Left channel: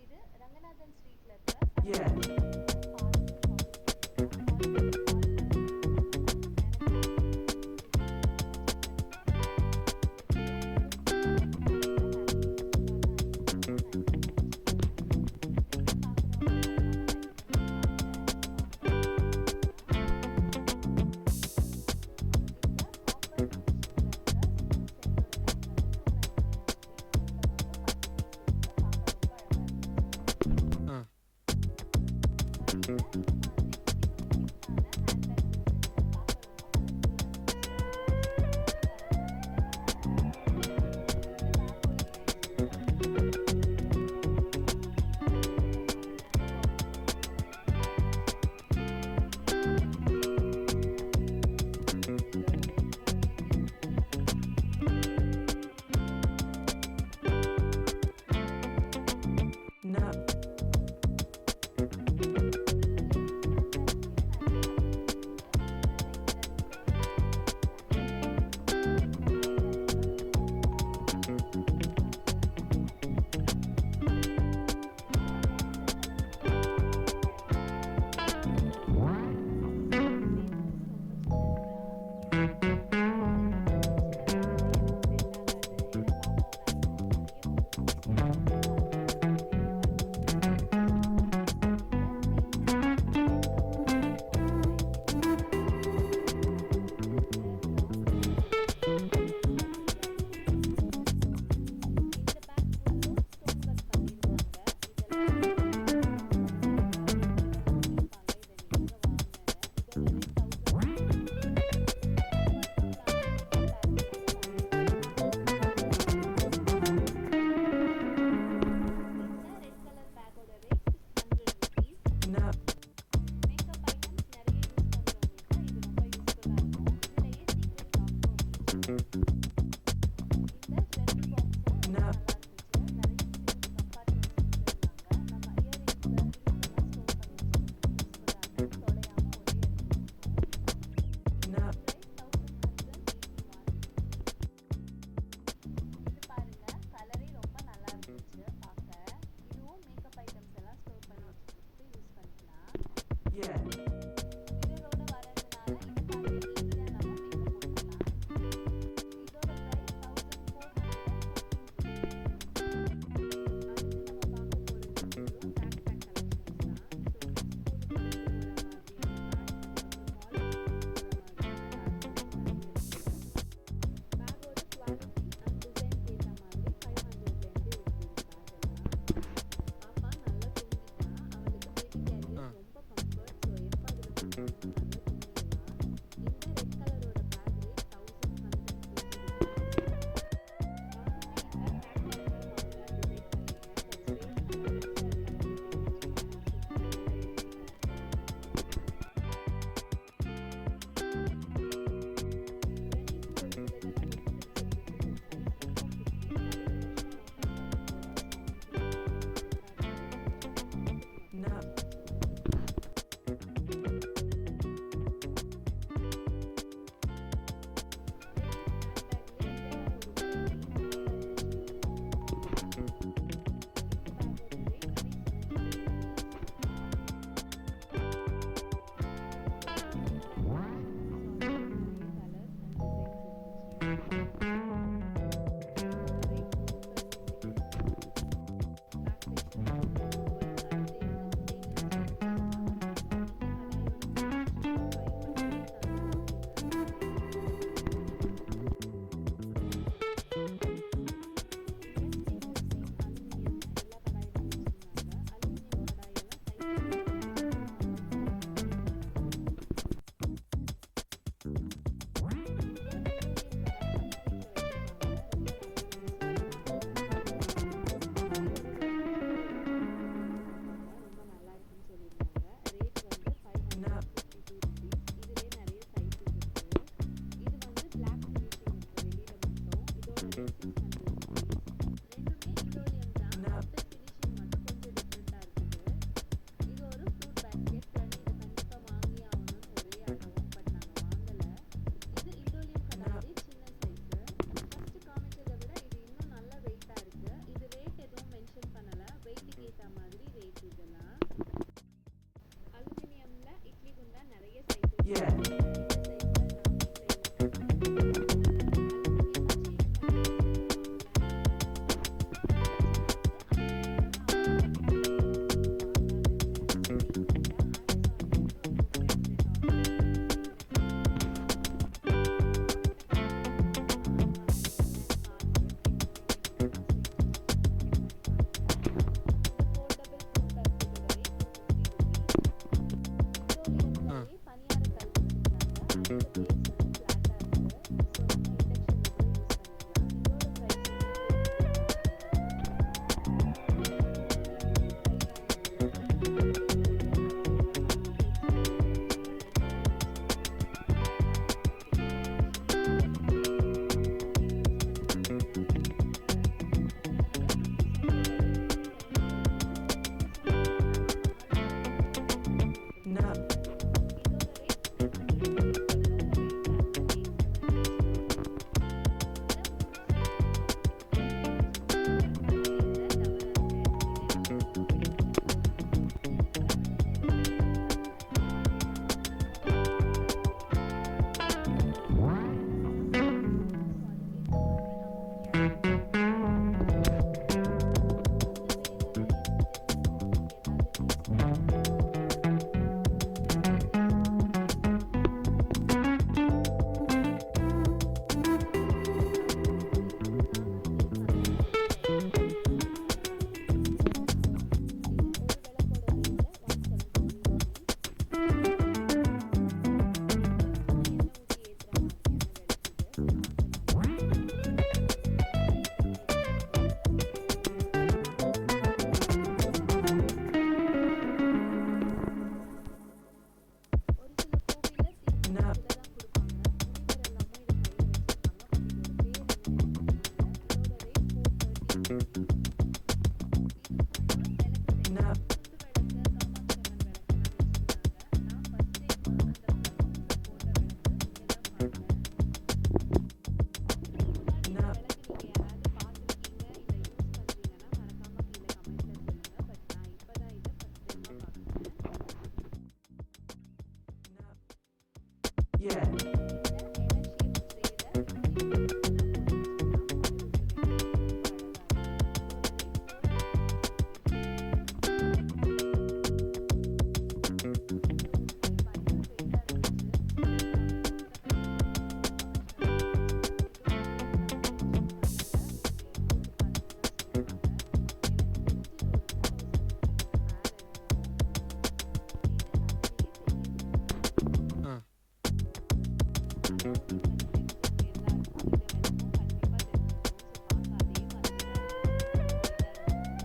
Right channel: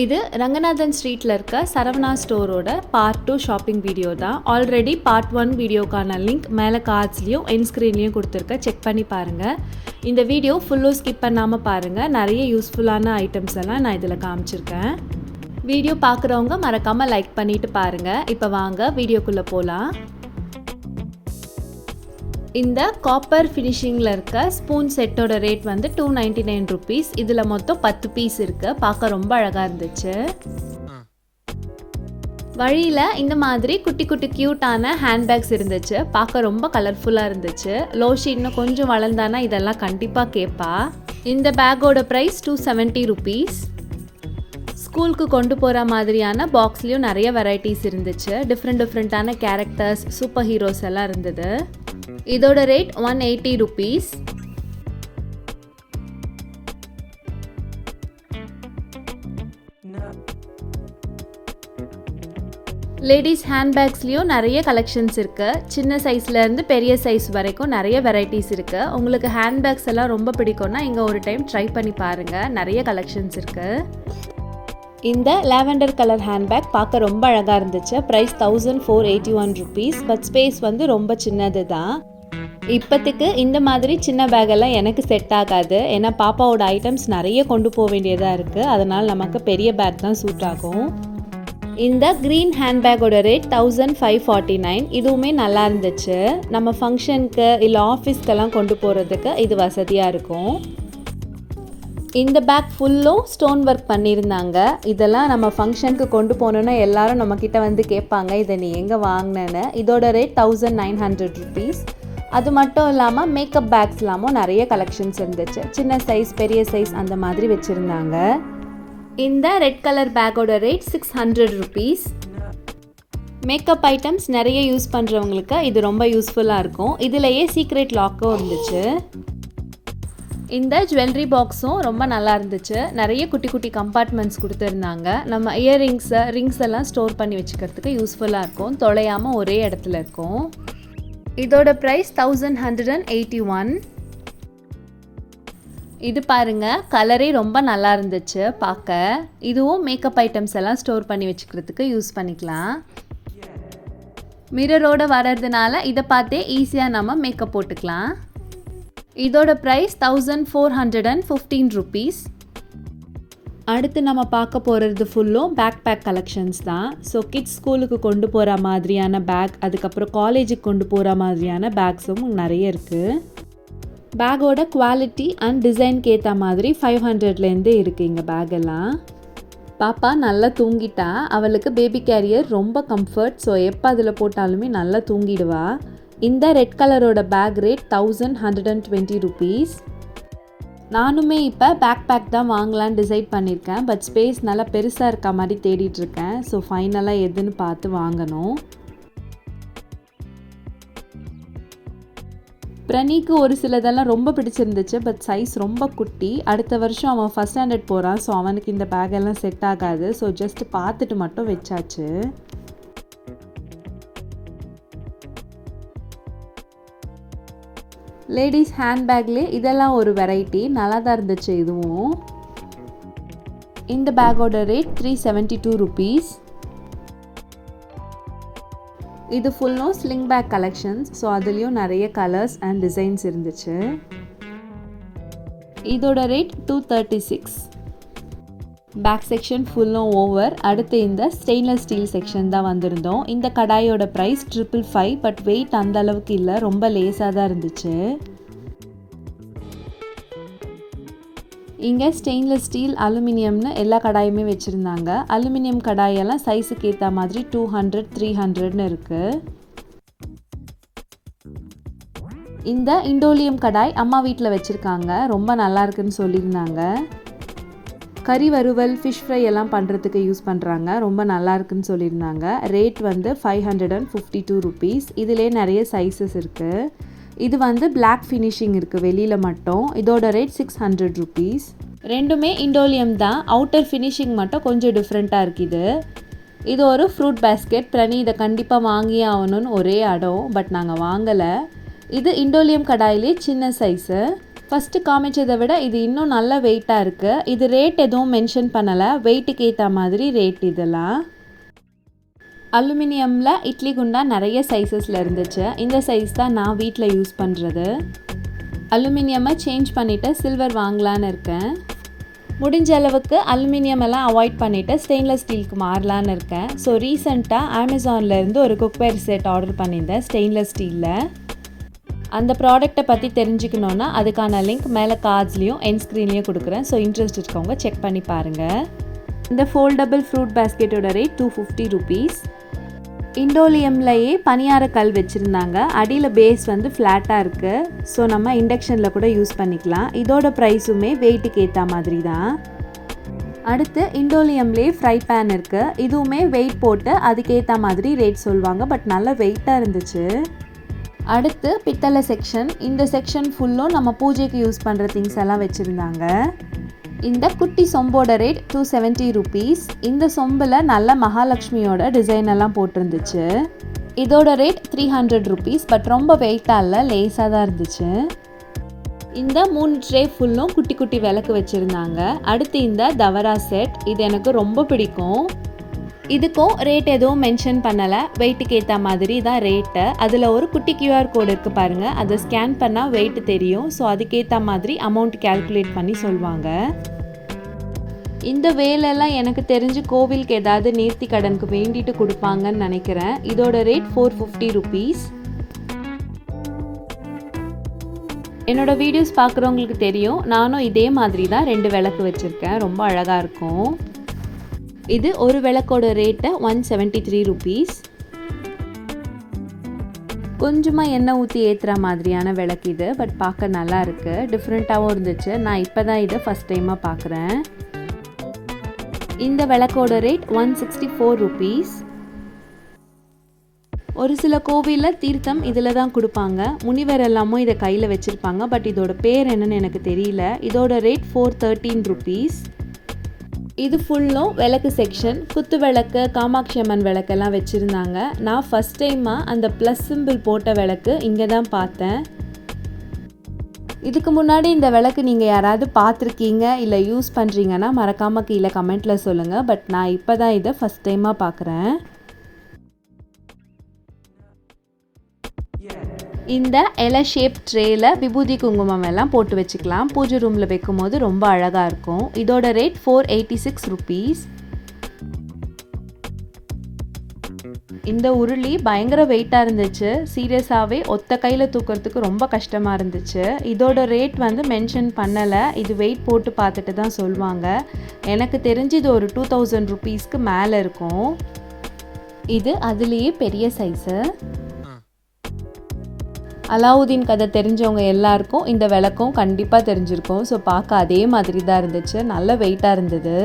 இது ரங்கநாதன் ஸ்ட்ரீட்டில் இருக்க சரவணா ஸ்டோரோட பார்ட் 2 ஷாப்பிங் வீடியோ தான். ஆல்ரெடி பார்ட் 1 வீடியோக்கான லிங்க் மேலே கார்ட்ஸ்லேயும் என்ஸ்க்ரீன்லேயும் கொடுத்துருக்கேன், செக் பண்ணி பாருங்கள். இந்த வீடியோ ஃபுல்லும் ஸ்கிப் பண்ணாமல் பாருங்கள். நிறைய யூஸ்ஃபுல்லான ஐட்டம்ஸ் எல்லாம் நான் இதில் காமிச்சிருக்கேன். வீடியோ பார்க்குறவங்க மறக்காமல் லைக் பண்ணிவிட்டு பாருங்கள். இப்போ வாங்க வீடியோக்குள்ளே போகலாம். இந்த காப்பர் ஃபினிஷிங்கில் இருக்க ஸ்பூன் செட்டோட ரேட் வந்து 299 ருபீஸ். இதில் மொத்தம் 10 பீஸ் இருக்குது. பார்க்க ரொம்ப அழகாக இருந்துச்சு. வழியில் இந்த மாதிரி குட்டி குட்டி க்யூட்டான ஹேண்ட்பேக்ஸ் இருந்துச்சு. பார்க்க ரொம்ப கலர்ஃபுல்லாக இருந்துச்சு. லோஷி இன்னும் கொஞ்சம் வளர்ந்தானா இதெல்லாம் கண்டிப்பாக கேட்பா. இந்த பேக்கோட ப்ரைஸ் 270 ருபீஸ். ஸ்கூலுக்கு கொண்டு போகிற மாதிரியான பாக்ஸ்லேயும் நிறைய வெரைட்டிஸ் இருந்துச்சு. டிஃப்ரெண்ட்டான கேரக்டர்ஸ், சூப்பர் ஹீரோஸ் எல்லாம் இருந்தது. இதோட ரேட் 180 ருபீஸ். லேடிஸ் ஹேண்ட்பேக்ஸ்லேயும் நிறைய கலெக்ஷன்ஸ் இருக்குது. சின்ன சைஸ்லேருந்து பெரிய சைஸ் வரைக்கும் நிறைய வெரைட்டிஸ் இருக்குது. உங்களுக்கு ஹேண்ட்பேக்ஸ் எல்லாம் ரொம்ப பிடிக்கும்னா இங்கே ஒரு டைம் ட்ரை பண்ணி பாருங்கள். நிறைய கலெக்ஷன்ஸ் இருக்குது. இந்த லாவெண்டர் கலர் ஹேண்ட்பேக் பார்க்க ரொம்ப அழகாக இருந்துச்சு. Price 1481 rupees. பட் ஸ்பேஸ் வந்து ரொம்ப சின்னது தான். இப்போத்துக்கு இந்த மாதிரி சின்ன பேக்கெல்லாம் எனக்கு செட் ஆகாது. ஏன்னா பாப்பாவோட ஐட்டம்ஸ் நிறைய கொண்டு போக வேண்டியதாக இருக்குது. அதனால் நமக்கு பெரிய பேக் தான் சூட் ஆகும். இந்த க்ரீன் ஹேண்ட்பேக்கோட ரேட் 1549. இதுவுமே நல்லா இருந்துச்சு. நம்ம ஃபங்க்ஷனுக்கு இல்லை ஆஃபீஸ்க்கெல்லாம் கொண்டு போகிறதுக்கு இது வசதியாக இருக்கும். இந்த பேக் ஃபுல்லும் ஸ்டோன் ஒர்க் பண்ணியிருந்தாங்க. இதெல்லாம் நம்ம ஃபங்க்ஷனுக்கு கொண்டு போனோன்னா எல்லாரும் நம்மக்கிட்ட வந்து கேட்பாங்க, இதை நீ எங்கே வாங்கினேன்னு. இதோட ரேட் 1900 ருபீஸ். அது மட்டும் இல்லாமல் மேக்கப் பேக்ஸ்லாமும் நிறைய கலெக்ஷன்ஸ் இருந்துச்சு. சின்ன சைஸ், பெரிய சைஸ் அந்த மாதிரி வச்சுருந்தாங்க. இந்த ரெட் கலர் பேக்கோட ரேட் 600 ருபீஸ். மேக்கப் ஐட்டம்ஸ் நிறைய யூஸ் பண்ணுறவங்களுக்கு இது ரொம்ப யூஸ்ஃபுல்லாக இருக்கும். இதுலேயே சீக்ரெட் லாக்கும் இருந்துச்சு. இந்த ஜுவல்லரி பாக்ஸும் ரொம்ப நல்லா இருந்துச்சு. நிறைய குட்டி குட்டி கம்பார்ட்மெண்ட்ஸ் கொடுத்துருந்தாங்க. நம்ம இயர்ரிங்ஸை, ரிங்ஸ் எல்லாம் ஸ்டோர் பண்ணி வச்சுக்கிறதுக்கு யூஸ்ஃபுல்லாக இருக்கும். தொலையாமல் ஒரே இடத்துல இருக்கும். இதோட ப்ரைஸ் 1181. இது பாருங்க, கலரே ரொம்ப நல்லா இருந்துச்சு பார்க்க. இதுவும் மேக்கப் ஐட்டம்ஸ் எல்லாம் ஸ்டோர் பண்ணி வச்சுக்கிறதுக்கு யூஸ் பண்ணிக்கலாம். மிரரோட வர்றதுனால இதை பார்த்தே ஈஸியாக நம்ம மேக்கப் போட்டுக்கலாம். இதோட ப்ரைஸ் 1415 ருபீஸ். அடுத்து நம்ம பார்க்க போகிறது ஃபுல்லும் பேக் கலெக்ஷன்ஸ் தான். ஸோ கிட்ஸ் ஸ்கூலுக்கு கொண்டு போகிற மாதிரியான பேக், அதுக்கப்புறம் காலேஜுக்கு கொண்டு போகிற மாதிரியான பேக்ஸும் நிறைய இருக்குது. பேக்கோட குவாலிட்டி அண்ட் டிசைனுக்கு ஏற்ற மாதிரி 500லேருந்தே இருக்குது இங்கே பேக்கெல்லாம். பாப்பா நல்லா தூங்கிட்டா. அவளுக்கு பேபி கேரியர் ரொம்ப கம்ஃபர்ட். ஸோ எப்போ அதில் போட்டாலுமே நல்லா தூங்கிடுவா. இந்த ரெட் கலரோட பேக் ரேட் 1120 ருபீஸ். நானுமே இப்போ பேக் தான் வாங்கலான்னு டிசைட் பண்ணியிருக்கேன். பட் ஸ்பேஸ் நல்லா பெருசாக இருக்க மாதிரி தேடிட்டுருக்கேன். ஸோ ஃபைனலாக எதுன்னு பார்த்து வாங்கணும். பிரணிக்கு ஒரு சிலதெல்லாம் ரொம்ப பிடிச்சிருந்துச்சு. பட் சைஸ் ரொம்ப குட்டி. அடுத்த வருஷம் அவன் ஃபஸ்ட் ஸ்டாண்டர்ட் போகிறான். ஸோ அவனுக்கு இந்த பேக்கெல்லாம் செட் ஆகாது. ஸோ ஜஸ்ட் பார்த்துட்டு மட்டும் வச்சாச்சு. லேடிஸ் ஹேண்ட்பேக்லேயே இதெல்லாம் ஒரு வெரைட்டி. நல்லா தான் இருந்துச்சு இதுவும். இந்த பேக்கோட ரேட் 372 ருபீஸ். இது ஃபுல்லும் ஸ்லிங் பேக் கலெக்ஷன்ஸ். ஸோ அதுலேயும் நிறைய கலர்ஸ் அண்ட் டிசைன்ஸ் இருந்துச்சு. இதோட ரேட் 236. பேக் செக்ஷன் ஃபுல்லும் ஓவர். அடுத்து இந்த ஸ்டெயின்லெஸ் ஸ்டீல் செக்ஷன் தான் வந்திருந்தோம். இந்த கடாயோட ப்ரைஸ் 555. பட் வெயிட் அந்த அளவுக்கு இல்லை, ரொம்ப லேஸாக தான் இருந்துச்சு. இங்கே ஸ்டெயின்லெஸ் ஸ்டீல், அலுமினியம்னு எல்லா கடாயுமே வச்சுருந்தாங்க. அலுமினியம் கடாயெல்லாம் சைஸுக்கு ஏற்ற மாதிரி 200, 300ன்னு இருக்குது. இந்த இண்டோலியம் கடாய் அம்மா வீட்டில் வச்சுருக்காங்க. ரொம்ப நல்லா இருக்குன்னு சொல்லியிருந்தாங்க. கறி வறுவல், ஃபிஷ் ஃப்ரை எல்லாம் பண்ணுறதுக்கு யூஸ் பண்ணுறாங்க. ரொம்ப நல்லா இருக்குன்னு சொல்லியிருந்தாங்க. ரேட் வந்து 552 ருபீஸ். இதிலே நிறைய சைஸஸ் இருக்குது. இது வந்து பிளாக் ஃபினிஷிங் இருக்குது வெளியில் மட்டும். இதோட ரேட் 600 ருபீஸ். ரெண்டுமே இண்டோலியம் தான். அவுட்டர் ஃபினிஷிங் மட்டும் கொஞ்சம் டிஃப்ரெண்ட்டாக இருக்குது. இது ஒரு ஃப்ரூட் பேஸ்கெட். பிரனி இதை கண்டிப்பாக வாங்கியே ஆகணும்னு ஒரே அடம். பட் நாங்கள் வாங்கலை. இது இண்டோலியம் கடாயிலே சின்ன சைஸு. ஃபஸ்ட்டு காமிச்சதை விட இது இன்னும் நல்ல வெயிட்டாக இருக்குது. இது ரேட் எதுவும் மென்ஷன் பண்ணலை, வெயிட்டுக்கு ஏற்ற மாதிரி ரேட் இதெல்லாம். அலுமினியமில் இட்லி குண்டா நிறைய சைஸஸில் இருந்துச்சு. இந்த சைஸ் தான் நான் வீட்டில் யூஸ் பண்ணுறது. அலுமினியமை சேஞ்ச் பண்ணிவிட்டு சில்வர் வாங்கலான்னு இருக்கேன். முடிஞ்ச அளவுக்கு அலுமினியம் எல்லாம் அவாய்ட் பண்ணிவிட்டு ஸ்டெயின்லெஸ் ஸ்டீலுக்கு மாறலான்னு இருக்கேன். ஸோ ரீசெண்டாக அமேசான்லேருந்து ஒரு குக்வேர் செட் ஆர்டர் பண்ணியிருந்தேன் ஸ்டெயின்லெஸ் ஸ்டீலில். அந்த ப்ராடக்ட்டை பற்றி தெரிஞ்சுக்கணுன்னா அதுக்கான லிங்க் மேலே கார்ட்ஸ்லேயும் என் ஸ்க்ரீன்லேயும் கொடுக்குறேன். ஸோ இன்ட்ரெஸ்ட் இருக்கவங்க செக் பண்ணி பாருங்கள். இந்த ஃபோல்டபுள் ஃப்ரூட் பேஸ்கெட்டோட ரேட் 250 rupees. இண்டோலியம்லையே பனியார கல் வச்சுருந்தாங்க. அடியில் பேஸ் வந்து ஃப்ளாட்டாக இருக்குது. ஸோ நம்ம இண்டக்ஷனில் கூட யூஸ் பண்ணிக்கலாம். இதோட ப்ரைஸுமே வெயிட்டுக்கு ஏற்ற மாதிரி தான். அடுத்து இண்டோலியம்லேயே ஃப்ரை பேன் இருக்குது. இதுவுமே வெயிட் போட்டு அதுக்கேற்ற மாதிரி ரேட் சொல்லுவாங்க. பட் நல்ல வெயிட்டாக இருந்துச்சு. அடுத்து பித்தளை செக்ஷன். இந்த செக்ஷன் ஃபுல்லும் நம்ம பூஜைக்கு யூஸ் பண்ணுற திங்ஸ் எல்லாம் வச்சுருந்தாங்க. இந்த குட்டி சொம்போட ரேட் 270 rupees. இந்த சொம்பில் நல்ல மகாலட்சுமியோட டிசைன் எல்லாம் போட்டிருந்துச்சு. இதோட ரேட் 300 rupees. பட் ரொம்ப வெயிட்டாக இல்லை, லேஸாக தான் இருந்துச்சு. இந்த 3 ட்ரே ஃபுல்லும் குட்டி குட்டி விளக்கு வச்சுருந்தாங்க. அடுத்து இந்த தவரா செட், இது எனக்கு ரொம்ப பிடிக்கும். இதுக்கும் ரேட் எதுவும் மென்ஷன் பண்ணலை, வெயிட்டுக்கு ஏற்ற மாதிரி தான் ரேட்டு. அதில் ஒரு குட்டி QR கோடு இருக்குது பாருங்கள், அதை ஸ்கேன் பண்ணால் வெயிட் தெரியும். ஸோ அதுக்கேற்ற மாதிரி அமௌண்ட் கேல்குலேட் பண்ணி சொல்லுவாங்க. இந்த வேலையெல்லாம் எனக்கு தெரிஞ்சு கோவிலுக்கு ஏதாவது நேர்த்தி கடனுக்கு வேண்டிட்டு கொடுப்பாங்கன்னு நினைக்கிறேன். இதோட ரேட் 450 rupees. என்னோட வீடியோஸ் பார்க்குறவங்களுக்கு தெரியும், நானும் இதே மாதிரி தான் 2 விளக்கு வச்சுருக்கேன். ரொம்ப அழகாக இருக்கும். இது ஒரு விளக்கோட ரேட்டு 173 rupees. கொஞ்சமாக எண்ணெய் ஊற்றி ஏற்றுற மாதிரியான விளக்கு இது. பட் பார்க்க நல்லா இருக்குது, டிஃப்ரெண்ட்டாகவும் இருந்துச்சு. நான் இப்போ தான் இதை ஃபஸ்ட் டைமாக பார்க்குறேன். இந்த விளக்கோட ரேட் 164 rupees. ஒரு சில கோவிலில் தீர்த்தம் இதில் தான் கொடுப்பாங்க. முனிவர் எல்லாமும் இதை கையில் வச்சுருப்பாங்க. பட் இதோட பேர் என்னன்னு எனக்கு தெரியல. இதோட ரேட் 413 rupees. இது ஃபுல்லும் விளக்கு செக்ஷன். குத்து விளக்கு, காமாட்சி அம்மன் விளக்கெல்லாம் வச்சுருந்தாங்க. நான் ஃபஸ்ட் டைமாக அந்த ப்ளஸ் சிம்பிள் போட்ட விளக்கு இங்கே தான் பார்த்தேன். இதுக்கு முன்னாடி இந்த விளக்கு நீங்கள் யாராவது பார்த்துருக்கீங்க இல்லை யூஸ் பண்ணுறீங்கன்னா மறக்காமல் கீழே கமெண்ட்டில் சொல்லுங்கள். பட் நான் இப்போ தான் இதை ஃபஸ்ட் டைமாக பார்க்குறேன். இந்த இலை ஷேப் ட்ரேயில் விபூதி குங்குமம் எல்லாம் போட்டு வச்சுக்கலாம். பூஜை ரூமில் வைக்கும் போது ரொம்ப அழகாக இருக்கும். இதோட ரேட் 486 rupees. இந்த உருளி பயங்கர வெயிட்டாக இருந்துச்சு. சீரியஸாகவே ஒத்த கையில் தூக்கிறதுக்கு ரொம்ப கஷ்டமாக இருந்துச்சு. இதோட ரேட் வந்து மென்ஷன் பண்ணலை. இது வெயிட் போட்டு பார்த்துட்டு தான் சொல்லுவாங்க. எனக்கு தெரிஞ்சு இது ஒரு 2000 rupeesக்கு மேலே இருக்கும். இது அதுலேயே பெரிய சைஸு. அலாவுதீன் கதை தெரிஞ்சவங்க எல்லாருக்கும் இந்த விளக்கும் கண்டிப்பாக தெரிஞ்சிருக்கும். ஸோ பார்க்க அதே மாதிரி தான் இருந்துச்சு. நல்ல வெயிட்டாக இருந்தது.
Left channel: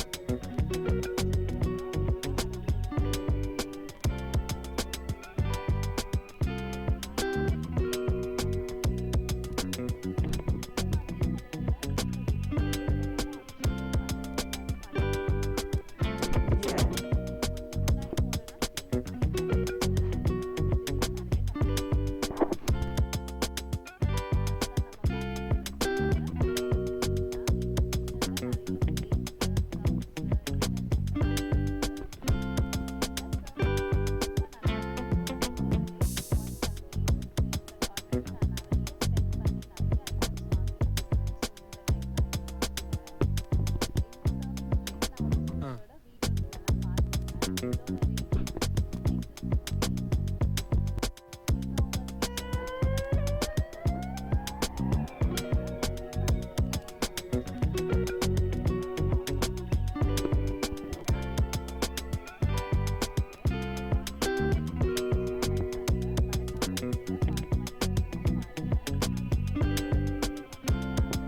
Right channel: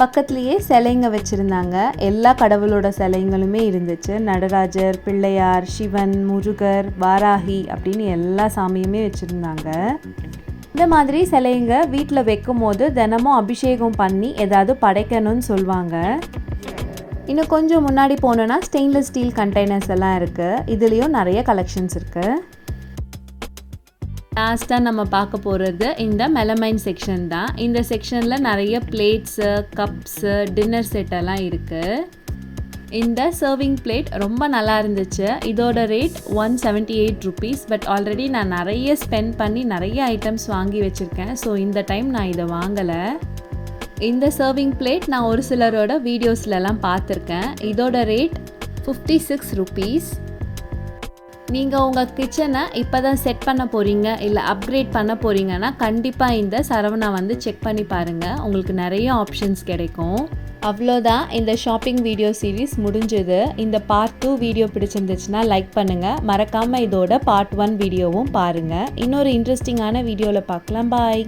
பக்கத்துலேயே சிலைங்க வச்சுருந்தாங்க. எல்லா கடவுளோட சிலைங்களுமே இருந்துச்சு. நடராஜர், பிள்ளையார், சிவன், முருகர், வாராகி அப்படின்னு எல்லா சாமியுமே வச்சுருந்தாங்க. இந்த மாதிரி சிலைங்க வீட்டில் வைக்கும் போது தினமும் அபிஷேகம் பண்ணி ஏதாவது படைக்கணும்னு சொல்லுவாங்க. இன்னும் கொஞ்சம் முன்னாடி போனோன்னா ஸ்டெயின்லெஸ் ஸ்டீல் கண்டெய்னர்ஸ் எல்லாம் இருக்குது. இதுலேயும் நிறைய கலெக்ஷன்ஸ் இருக்குது. லாஸ்ட்டாக நம்ம பார்க்க போகிறது இந்த மெலமைன் செக்ஷன் தான். இந்த செக்ஷனில் நிறைய பிளேட்ஸு, கப்ஸு, டின்னர் செட் எல்லாம் இருக்குது. இந்த சர்விங் பிளேட் ரொம்ப நல்லா இருந்துச்சு. இதோட ரேட் 178 rupees. பட் ஆல்ரெடி நான் நிறைய ஸ்பெண்ட் பண்ணி நிறைய ஐட்டம்ஸ் வாங்கி வச்சுருக்கேன். ஸோ இந்த டைம் நான் இதை வாங்கலை. இந்த சர்விங் பிளேட் நான் ஒரு சிலரோட வீடியோஸ்லலாம் பார்த்துருக்கேன். இதோட ரேட் 56 rupees. நீங்கள் உங்கள் கிச்சனை இப்போ தான் செட் பண்ண போகிறீங்க இல்லை அப்கிரேட் பண்ண போகிறீங்கன்னா கண்டிப்பாக இந்த சரவணா வந்து செக் பண்ணி பாருங்கள். உங்களுக்கு நிறைய ஆப்ஷன்ஸ் கிடைக்கும். அவ்வளோதான், இந்த ஷாப்பிங் வீடியோ சீரீஸ் முடிஞ்சது. இந்த பார்ட் 2 வீடியோ பிடிச்சிருந்துச்சுன்னா லைக் பண்ணுங்கள். மறக்காமல் இதோட பார்ட் 1 வீடியோவும் பாருங்கள். இன்னொரு இன்ட்ரெஸ்டிங்கான வீடியோவில் பார்க்கலாம். பாய்.